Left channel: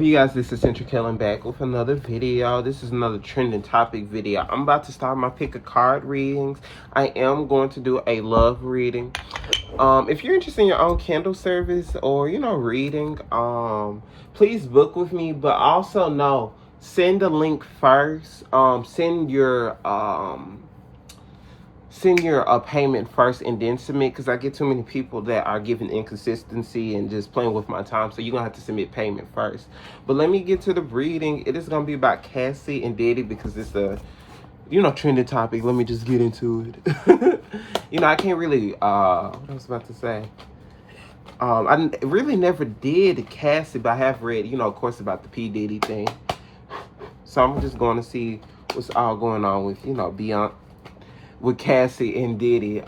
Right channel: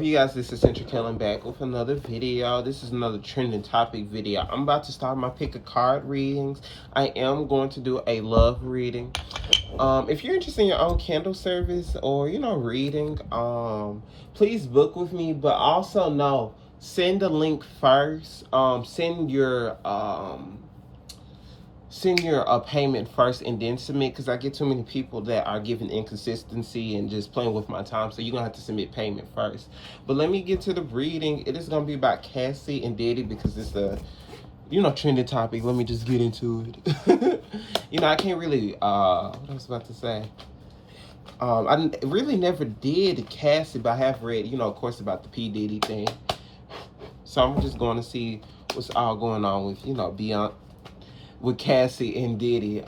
You guys, this is Central Kellen back with another video. This is another trending topic video. I'm about to start my pick a card readings. I am going to do a love reading. If you're interested in your own candle service or reading, please book with me. But also send a link first. Send your payment first and then submit, because I get too many people that are giving inconsistency and just playing with my time. So you're going to have to submit payment first. But let me get to the reading. It is going to be about Cassie and Diddy because it's a, trending topic. Let me just get into it. I can't really, what I was about to say. I really never did Cassie, but I have read, of course, about the P. Diddy thing. So I'm just going to see what's all going on with, beyond with Cassie and Diddy,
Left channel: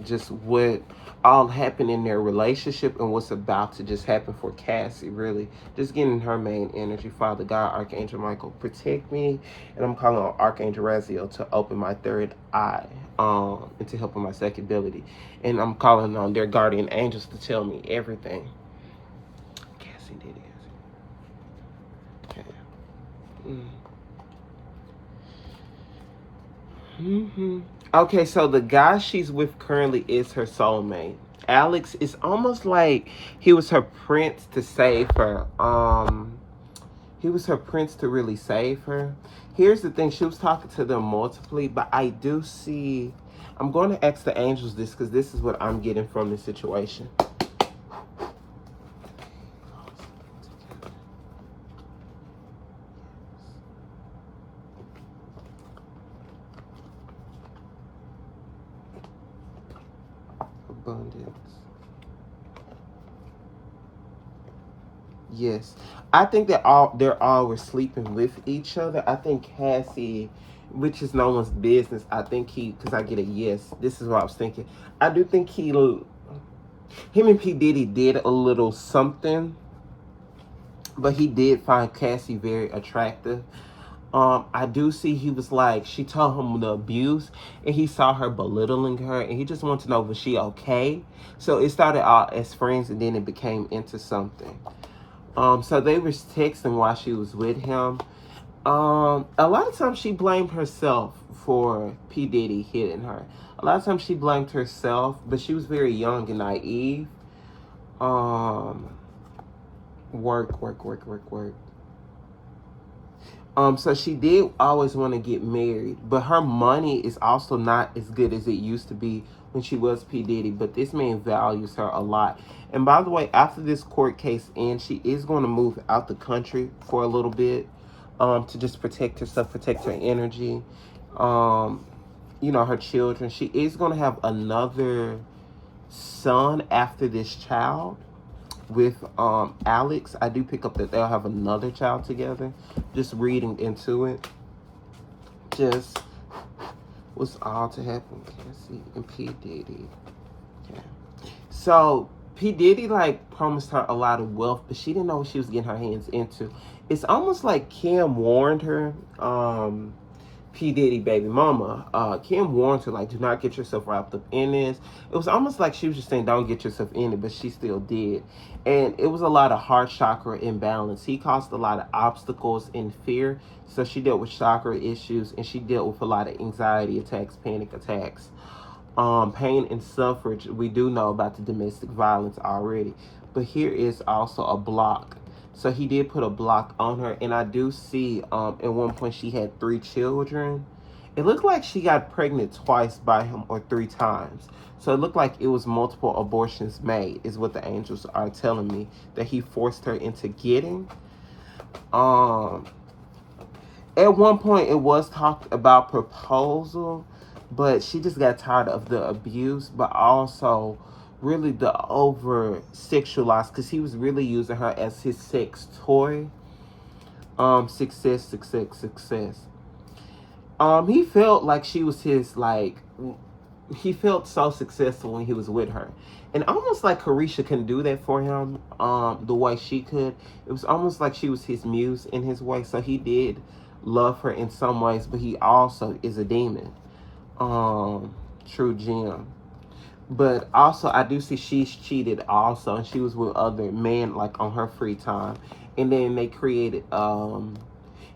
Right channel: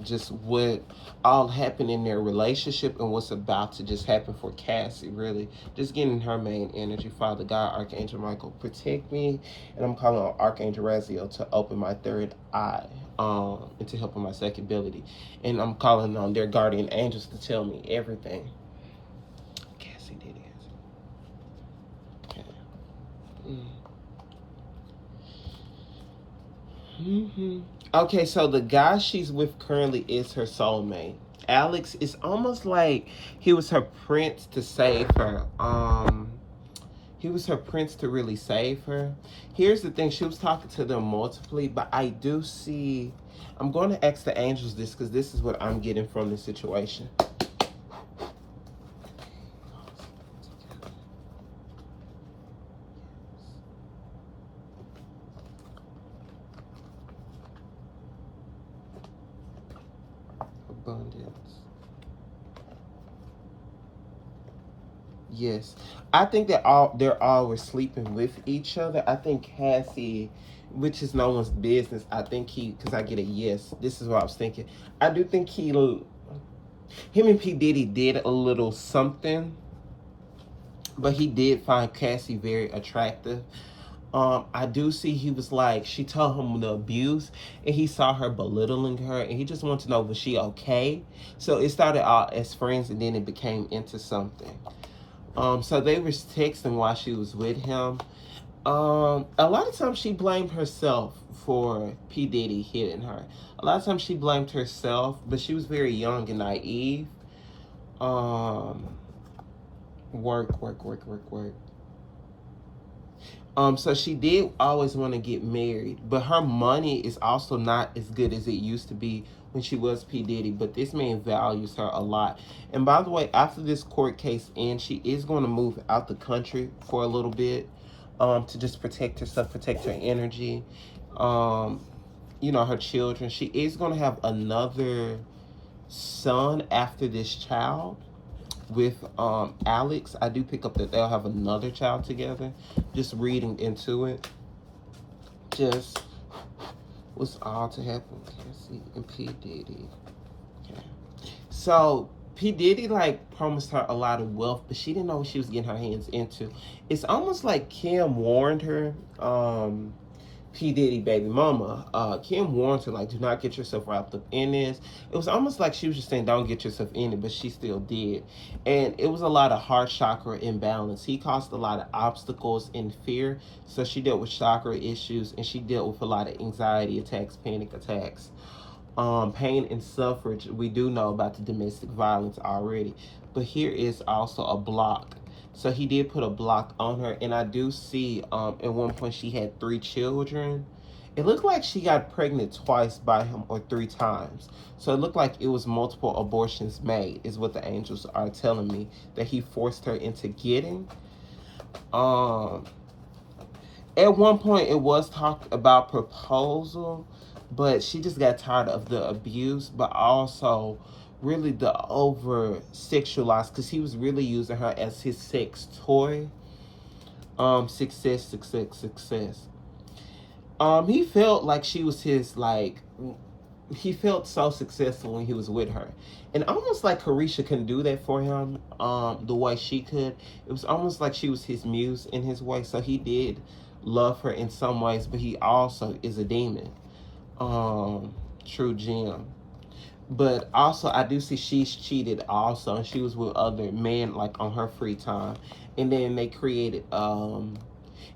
just what all happened in their relationship and what's about to just happen for Cassie, really. Just getting her main energy. Father God, Archangel Michael, protect me. And I'm calling on Archangel Raziel to open my third eye, and to help with my second ability. And I'm calling on their guardian angels to tell me everything. Cassie, Diddy. Okay. Okay, so the guy she's with currently is her soulmate. Alex is almost like he was her prince to save her. He was her prince to really save her. Here's the thing, she was talking to them multiply, but I do see, I'm going to ask the angels this because this is what I'm getting from the situation. Abundance. Yes, I think that they're all were sleeping with each other. I think Cassie, which is no one's business. I think because I get a yes. This is what I was thinking. I do think him and P Diddy did a little something, but he did find Cassie very attractive. I do see he was like, she told him the abuse and he saw her belittling her and he just wanted to know, was she okay? So it started out as friends and then it became into something. So they were texting while she was with him. A lot of times she blamed herself for P. Diddy hitting her. A lot of times she blamed herself, but she was very young and naive. Work. So she did always want to get married, but her money is also not as good as it used to be when she was P. Diddy, but this man values her a lot. And by the way, after this court case ends, she is going to move out the country for a little bit, to just protect herself, protect her energy, her children. She is going to have another son after this child with Alex. I do pick up that they'll have another child together. Just reading into it. Just what's all to happen with Cassie and P. Diddy. Okay. So P. Diddy promised her a lot of wealth, but she didn't know what she was getting her hands into. It's almost like Kim warned her, P. Diddy baby mama, Kim warned her, do not get yourself wrapped up in this. It was almost like she was just saying, don't get yourself in it, but she still did. And it was a lot of heart chakra imbalance. He caused a lot of obstacles and fear. So she dealt with chakra issues and she dealt with a lot of anxiety attacks, panic attacks. Pain and suffrage. We do know about the domestic violence already. But here is also a block. So he did put a block on her, and I do see at one point she had 3 children. It looked like she got pregnant twice by him or 3 times. So it looked like it was multiple abortions made, is what the angels are telling me, that he forced her into getting. At one point it was talked about proposal, but she just got tired of the abuse, but also really the over sexualized, because he was really using her as his sex toy. Success. He felt like she was his, he felt so successful when he was with her, and almost like Carisha couldn't do that for him the way she could. It was almost like she was his muse in his way. So he did love her in some ways, but he also is a demon. True gem. But also, I do see she's cheated also, and she was with other men on her free time. And then they created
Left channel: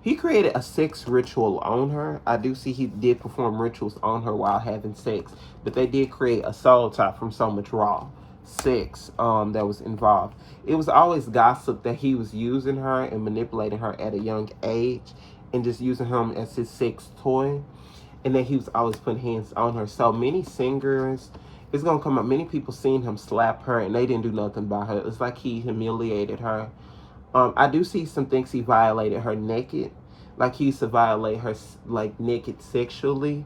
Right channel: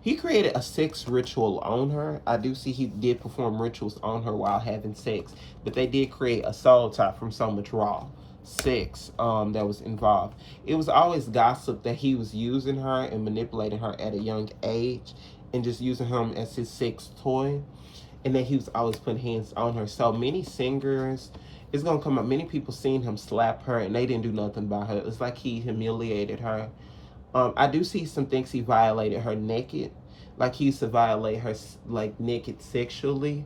he created a sex ritual on her. I do see he did perform rituals on her while having sex, but they did create a soul tie from so much raw sex that was involved. It was always gossip that he was using her and manipulating her at a young age and just using him as his sex toy, and that he was always putting hands on her. So many singers, it's gonna come up, many people seen him slap her and they didn't do nothing by her. It's like he humiliated her. I do see some things he violated her naked, like he used to violate her like naked sexually,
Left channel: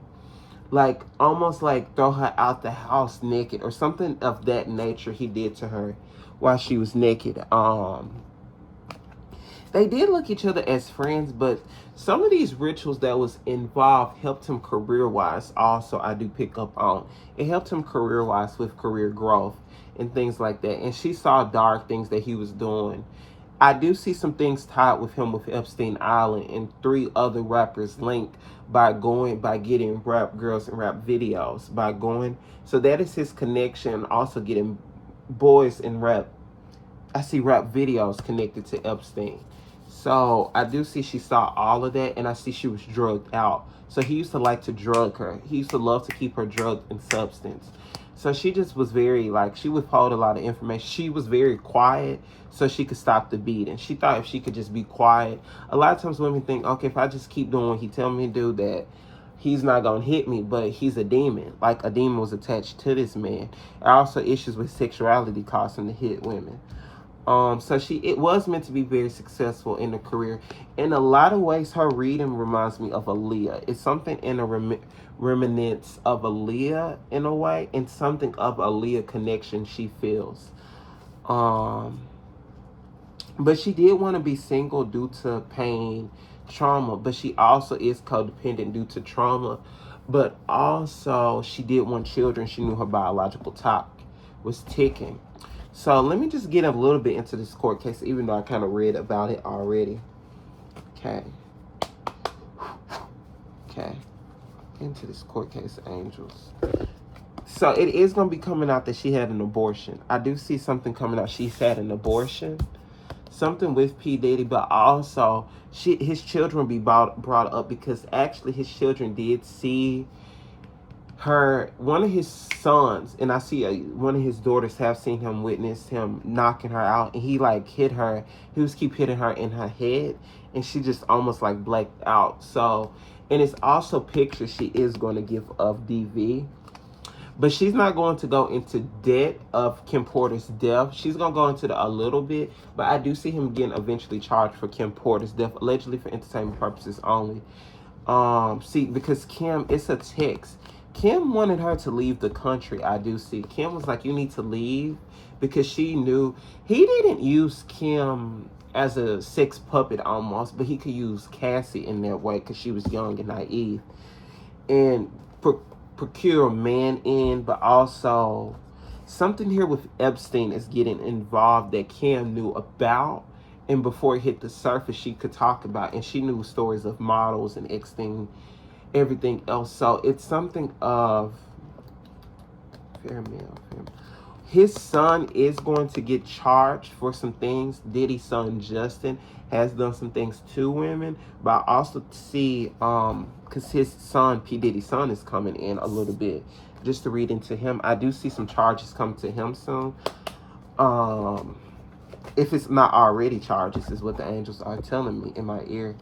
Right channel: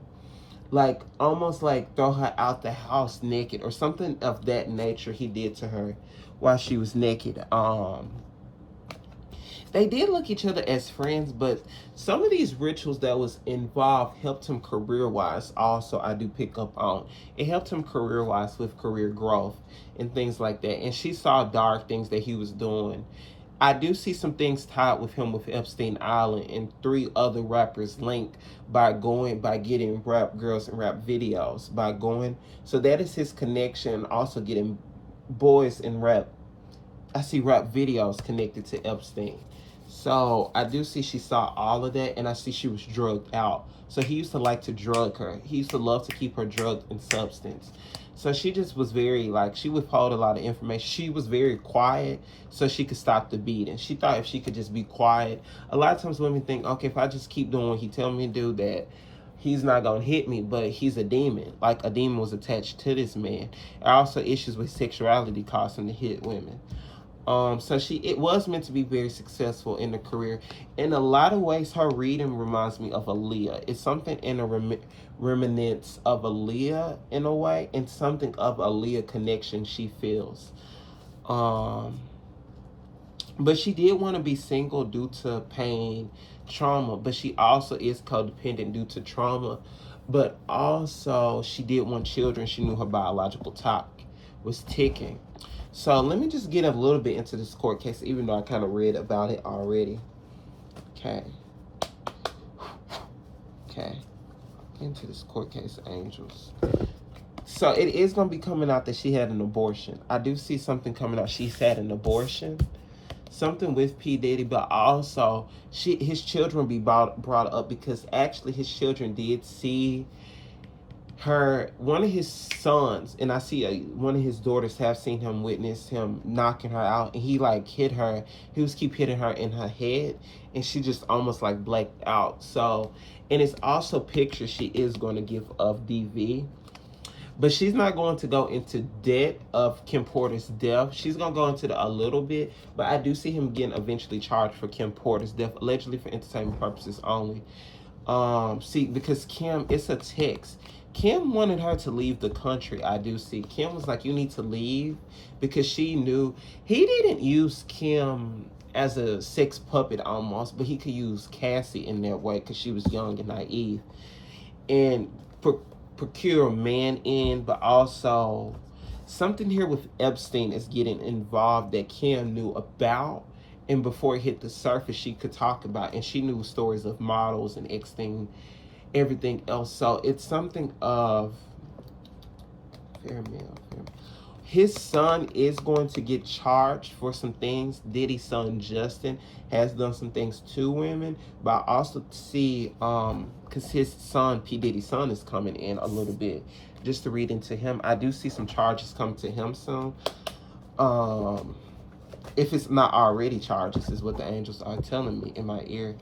like almost like throw her out the house naked or something of that nature. He did to her while she was naked. They did look each other as friends, but some of these rituals that was involved helped him career wise. Also, I do pick up on it helped him career wise with career growth and things like that. And she saw dark things that he was doing. I do see some things tied with him with Epstein Island and 3 other rappers linked by getting rap girls and rap videos by going. So that is his connection. Also getting boys in rap. I see rap videos connected to Epstein. So I do see she saw all of that, and I see she was drugged out. So he used to like to drug her. He used to love to keep her drugged in substance. So she just was very, like, she withheld a lot of information. She was very quiet so she could stop the beating. She thought if she could just be quiet. A lot of times women think, okay, if I just keep doing what he tell me to do, that he's not going to hit me, but he's a demon. Like a demon was attached to this man. And also issues with sexuality caused him to hit women. So it was meant to be very successful in the career. In a lot of ways, her reading reminds me of Aaliyah. It's something in a remnants of Aaliyah in a way, and something of Aaliyah connection she feels. But she did want to be single due to pain, trauma, but she also is codependent due to trauma. But also, she did want children. She knew her biological clock was ticking. So let me just get a little bit into this court case, even though I kind of read about it already. Okay. Into this court case, angels. So it is going to be coming out that she had an abortion. I do see something coming out. She's had an abortion. Something with P. Diddy, but also his children be brought up because actually his children did see one of his sons, and I see one of his daughters have seen him witness him knocking her out, and he like hit her. He was keep hitting her in her head, and she just almost like blacked out. So, and it's also pictures she is going to give of DV, but she's not going to go into debt of Kim Porter's death. She's going to go into a little bit, but I do see him getting eventually charged for Kim Porter's death, allegedly for entertainment purposes only. See, because Kim, it's a text. Kim wanted her to leave the country. I do see. Kim was like, you need to leave, because she knew he didn't use Kim as a sex puppet almost, but he could use Cassie in that way because she was young and naive. And procure a man in, but also something here with Epstein is getting involved that Kim knew about. And before it hit the surface, she could talk about, and she knew stories of models and everything else. So it's something of fair male. His son is going to get charged for some things. Diddy's son Justin has done some things to women, but I also see because his son P. Diddy's son is coming in a little bit. Just to read into him, I do see some charges come to him soon. If it's not already charges, is what the angels are telling me in my ear.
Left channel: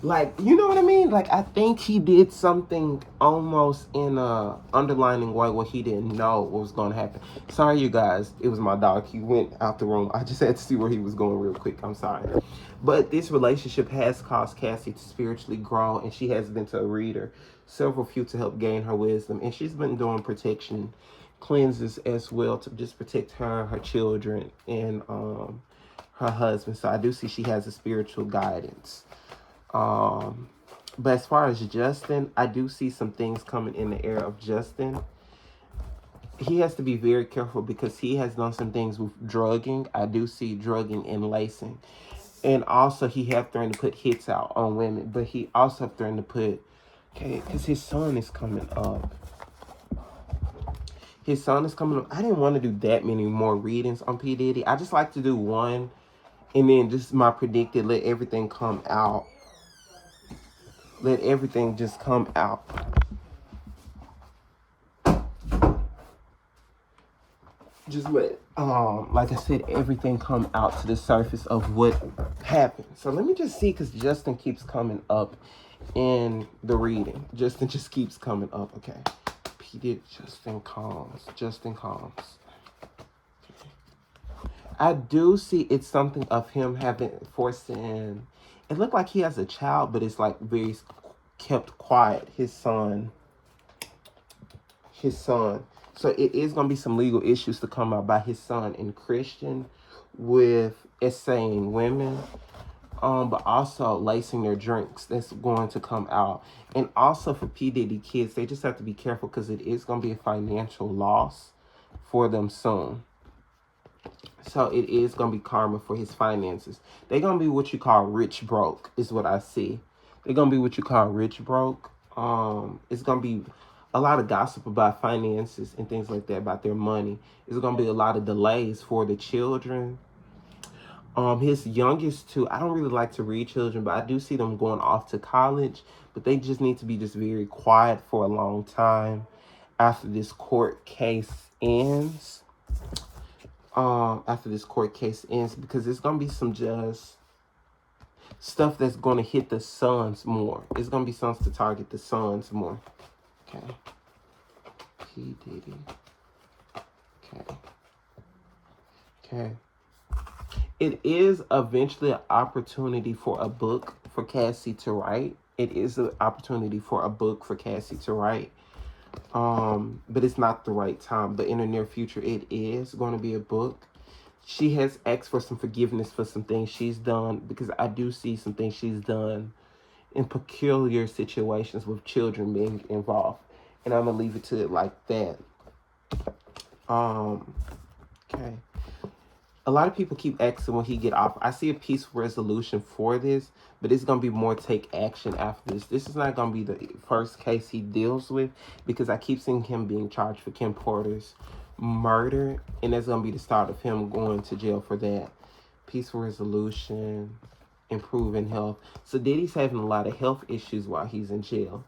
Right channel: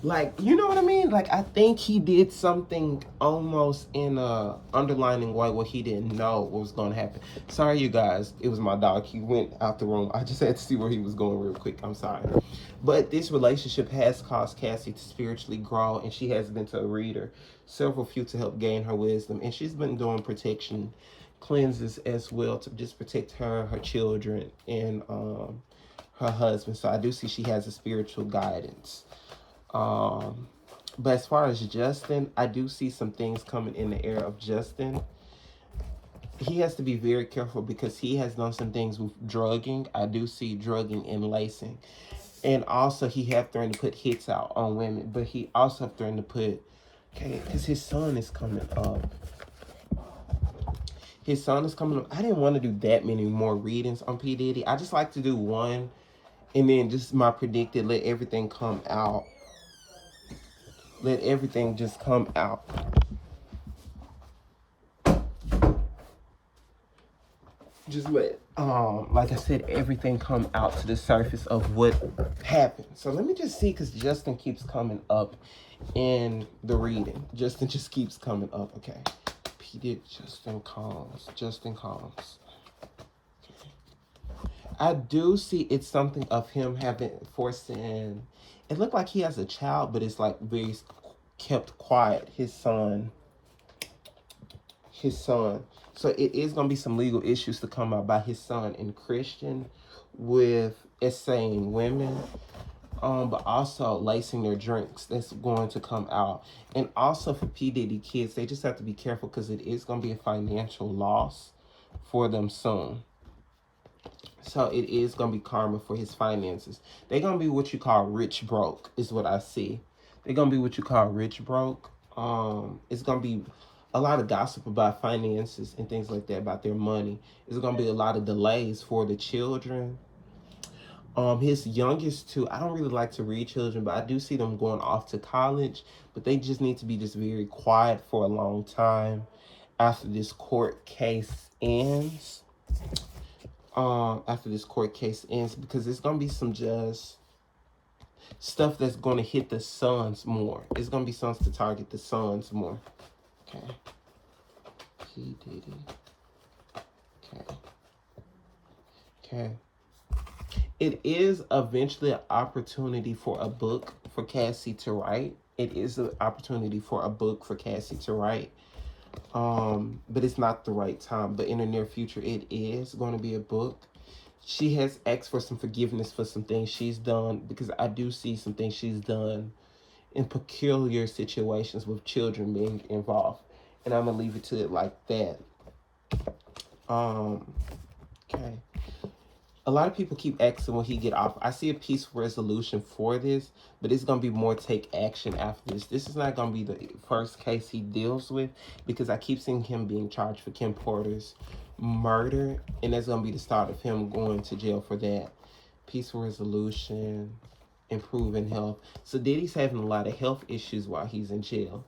Like, you know what I mean? Like, I think he did something almost in a underlining way where he didn't know what was going to happen. Sorry, you guys. It was my dog. He went out the room. I just had to see where he was going real quick. I'm sorry. But this relationship has caused Cassie to spiritually grow, and she has been to a reader, several few, to help gain her wisdom. And she's been doing protection cleanses as well to just protect her, her children, and her husband. So I do see she has a spiritual guidance. But as far as Justin, I do see some things coming in the era of Justin. he has to be very careful because he has done some things with drugging. I do see drugging and lacing. And also he have threatened to put hits out on women, but he also have threatened to put, okay, because his son is coming up. His son is coming up. I didn't want to do that many more readings on P. Diddy. I just like to do one and then just my predicted, let everything come out. Let everything just come out. Just let, like I said, everything come out to the surface of what happened. So let me just see, because Justin keeps coming up in the reading. Justin just keeps coming up. Okay. P. Diddy, Justin Combs. Justin Combs. I do see it's something of him having forcing. It looked like he has a child, but it's like very kept quiet. His son. So it is going to be some legal issues to come out by his son and Christian with essaying women, but also lacing their drinks. That's going to come out. And also for P. Diddy kids, they just have to be careful because it is going to be a financial loss for them soon. So it is going to be karma for his finances. They're going to be what you call rich broke, is what I see. They're going to be what you call rich broke. It's going to be a lot of gossip about finances and things like that, about their money. It's going to be a lot of delays for the children. His youngest two, I don't really like to read children, but I do see them going off to college, but they just need to be just very quiet for a long time after this court case ends. After this court case ends, because there's gonna be some just stuff that's gonna hit the sons more. It's gonna be something to target the sons more. Okay. P. Diddy. Okay. Okay. It is eventually an opportunity for a book for Cassie to write. It is an opportunity for a book for Cassie to write. But it's not the right time. But in the near future, it is going to be a book. She has asked for some forgiveness for some things she's done, because I do see some things she's done in peculiar situations with children being involved. And I'm going to leave it to it like that. Okay. A lot of people keep asking when he get off. I see a peaceful resolution for this, but it's going to be more take action after this. This is not going to be the first case he deals with, because I keep seeing him being charged for Kim Porter's murder, and that's going to be the start of him going to jail for that. Peaceful resolution, improving health. So Diddy's having a lot of health issues while he's in jail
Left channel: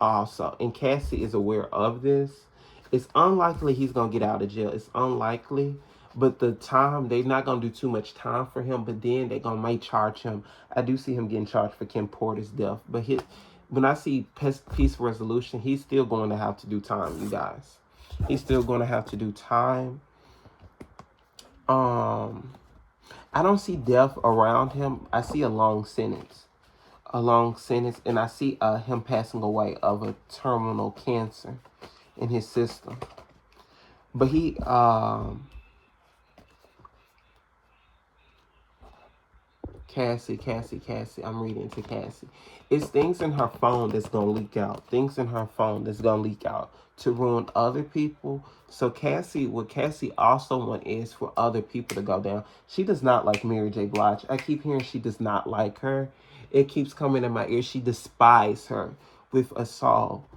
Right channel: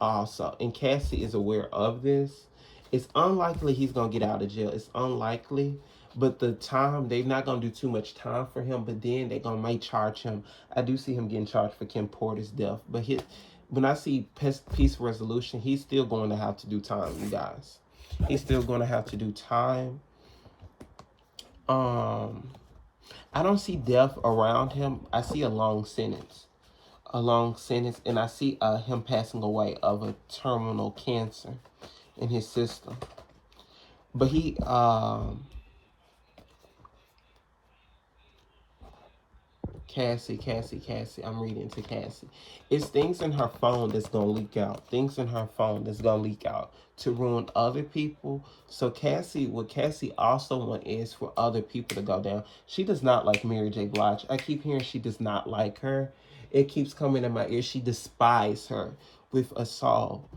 also, and Cassie is aware of this. It's unlikely he's going to get out of jail. It's unlikely. But the time, they're not going to do too much time for him, but then they're going to may charge him. I do see him getting charged for Kim Porter's death. But when I see peaceful resolution, he's still going to have to do time, you guys. He's still going to have to do time. I don't see death around him. I see a long sentence. And I see him passing away of a terminal cancer in his system. But he... Cassie. I'm reading to Cassie. It's things in her phone that's going to leak out. Things in her phone that's going to leak out to ruin other people. So Cassie, what Cassie also wants is for other people to go down. She does not like Mary J. Blige. I keep hearing she does not like her. It keeps coming in my ear. She despises her with a soul.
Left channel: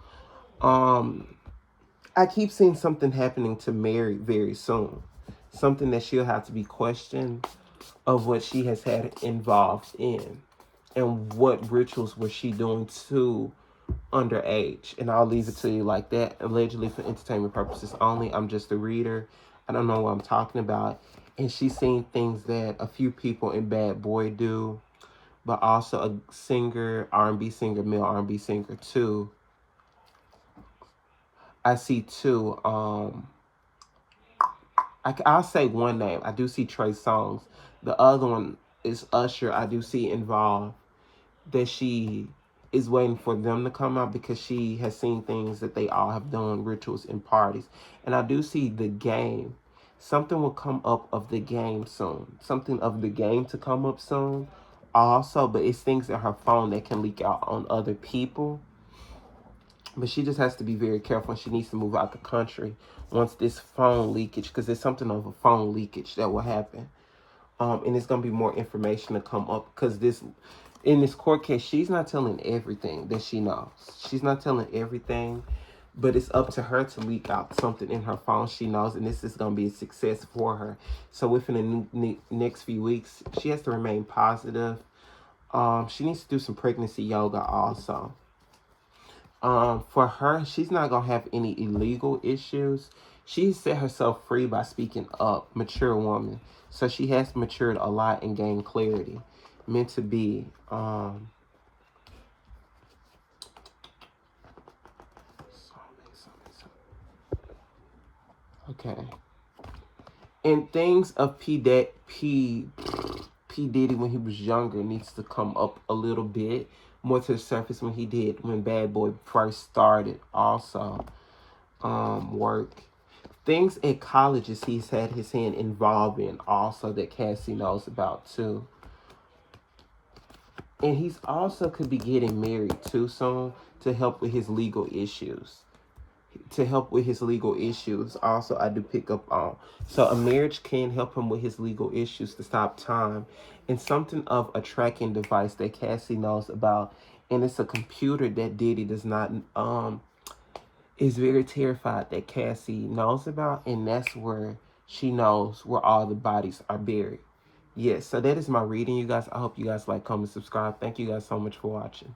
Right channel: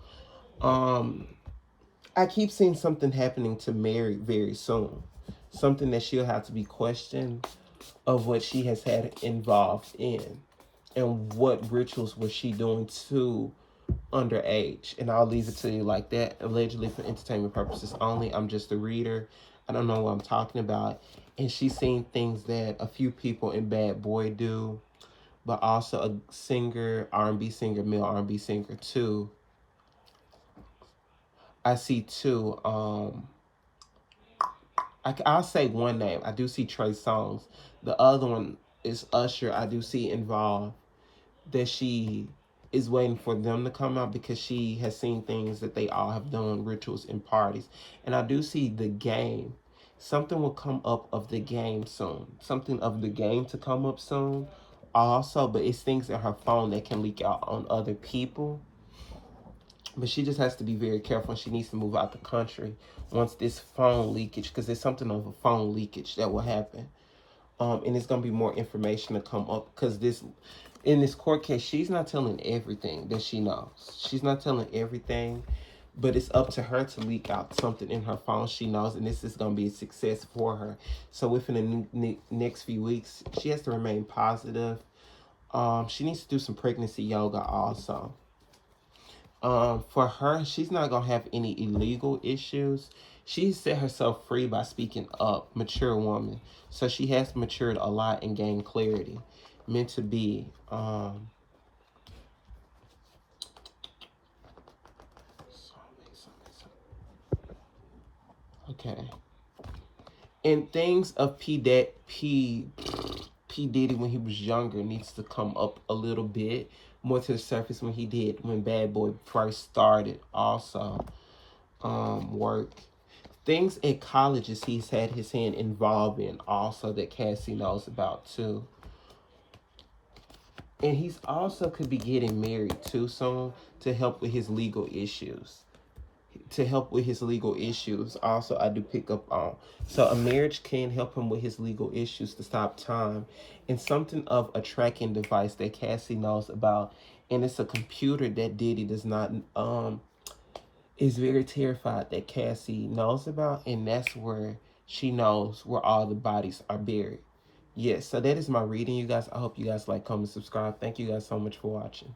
I keep seeing something happening to Mary very soon. Something that she'll have to be questioned of what she has had involved in, and what rituals was she doing to underage. And I'll leave it to you like that. Allegedly for entertainment purposes only. I'm just a reader. I don't know what I'm talking about. And she's seen things that a few people in Bad Boy do, but also a singer, R&B singer, male R&B singer too. I see too, I'll say one name. I do see Trey Songz. The other one is Usher. I do see involved, that she is waiting for them to come out because she has seen things that they all have done, rituals and parties. And I do see The Game. Something will come up of The Game soon. Something of The Game to come up soon also, but it's things in her phone that can leak out on other people. But she just has to be very careful, and she needs to move out the country once this phone leakage, because there's something of a phone leakage that will happen. And it's gonna be more information to come up, because this in this court case, she's not telling everything that she knows. She's not telling everything, but it's up to her to leak out something in her phone she knows, and this is gonna be a success for her. So within the next few weeks, she has to remain positive. She needs to do some pregnancy yoga also. For her, she's not gonna have any illegal issues. She set herself free by speaking up, mature woman. So she has matured a lot and gained clarity. Meant to be. Okay. And things of P Diddy when he was younger needs to come up a little bit more to the surface when Bad Boy first started. Also, work. Things at colleges he's had his hand involved in also that Cassie knows about too. And he's also could be getting married too soon to help with his legal issues. Also, I do pick up on. So a marriage can help him with his legal issues to stop time. And something of a tracking device that Cassie knows about. And it's a computer that Diddy does not is very terrified that Cassie knows about, and that's where she knows where all the bodies are buried. Yes, so that is my reading, you guys. I hope you guys like, comment, subscribe. Thank you guys so much for watching.